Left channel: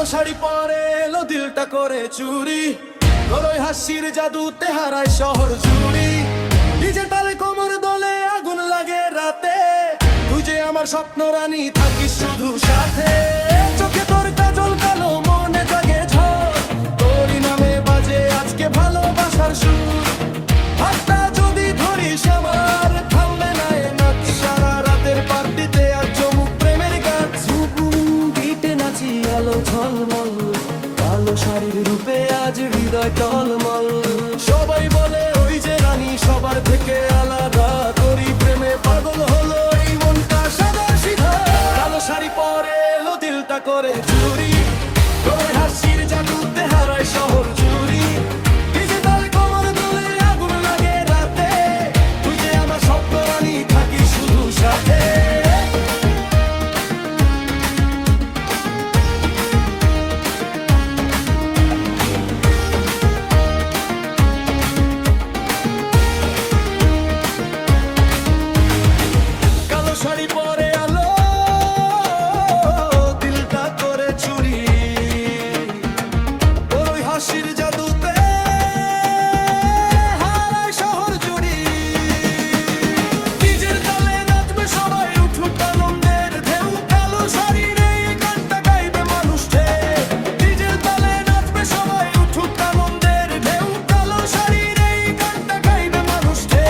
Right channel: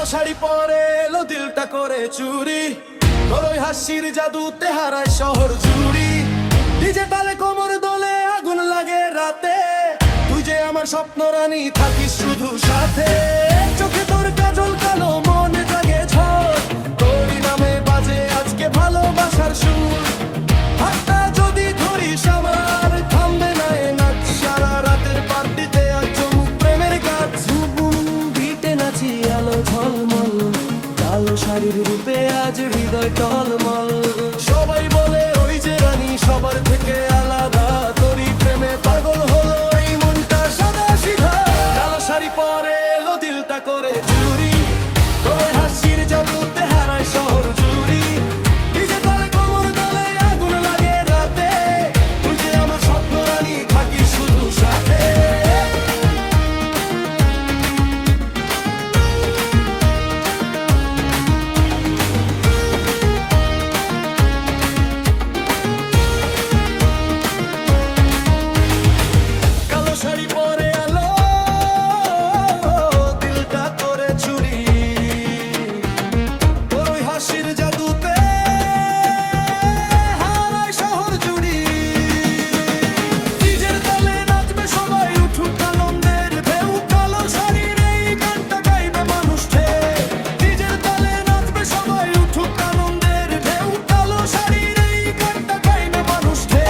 কালো শাড়ি পরে এলো দিলটা করে চুরি, তোর ওই হাসির জাদুতে হারায় শহর জুড়ি। ডিজে তালে কোমর দোলে আগুন লাগে রাতে, তুই যে আমার স্বপ্ন রানী থাকিস শুধু সাথে। চোখে তোর কাজল কালো মনে জাগে ঝড়, তোরই নামে বাজে আজকে ভালোবাসার সুর। হাতটা যদি ধরিস আমার থামবে না এ নাচ, সারা রাতের পার্টিতে আজ চমুক প্রেমের গাছ। ঝুমুম বিটে নাচি আলো ঝলমল, কালো শাড়ির রূপে আজ হৃদয় টলমল। সবাই বলে ওই যে রানী সবার থেকে আলাদা, তোরই প্রেমে পাগল হলো এই মনটা সাদা সিধা। কালো শাড়ি পরে এলো দিলটা করে চুরি, তোর ওই হাসির জাদুতে হারায় শহর জুড়ি। ডিজে তালে কোমর দোলে আগুন লাগে রাতে, তুই যে আমার স্বপ্ন রানী থাকিস শুধু সাথে। শাড়ি পরে আলো দিলটা করে চুরি, তোর ওই হাসির জাদুতে হারায় শহর জুড়ি। নিজের তালে নাচবে সবাই উঠুক আনন্দের ঢেউ, কালো শাড়ির এই গানটা গাইবে মানুষ ঢেউ। নিজের তালে নাচবে সবাই উঠুক আনন্দের ঢেউ, কালো শাড়ির এই গানটা গাইবে মানুষ ঢেউ।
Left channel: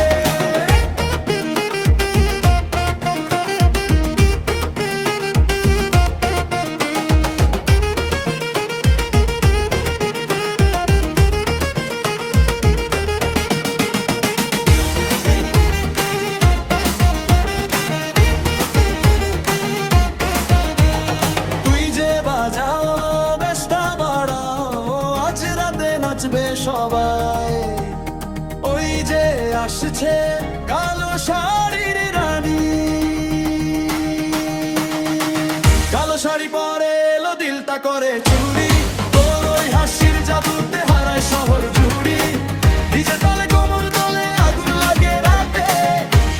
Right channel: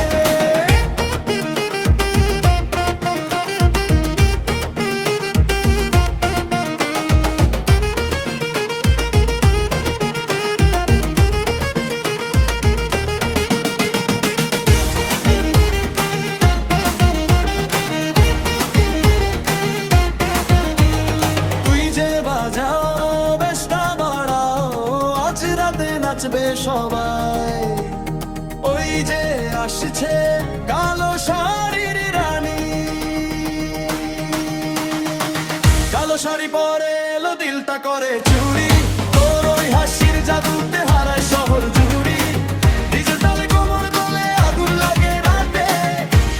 বাজাও বেশটা বাড়াও, আজ রাতে নাচবে সবাই। ওই যে আসছে কালো শাড়ির রানী, কালো শাড়ি পরে এলো দিলটা করে চুরি, তোর ওই হাসির জাদুতে হারায় শহর জুড়ি। ডিজে তালে কোমর দোলে আগুন লাগে রাতে,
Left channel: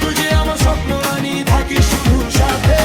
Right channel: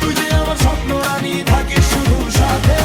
তুই যে আমার স্বপ্ন রানী থাকিস শুধু সাথে।